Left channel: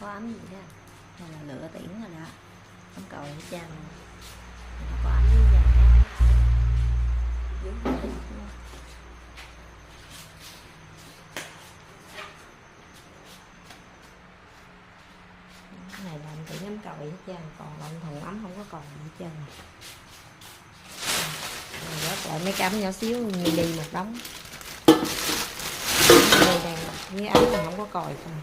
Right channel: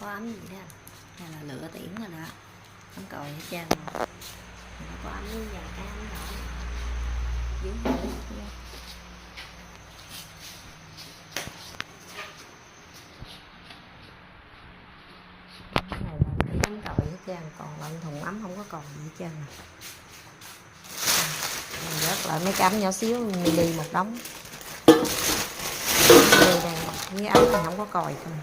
có ấm gì đó, hay là lựa tiễn rồi đó, ấm còi hết trơn rồi. Nó có ấm với vàng cam rồi dưới hơi luôn. Cái này là tiễn ấm còi hết trơn, còn lon thùng ấm không có còn gì hết trơn rồi. Rớt lại mấy cái ấm nhỏ xíu mini một đống. Đây đang với ấm thì không có còi không.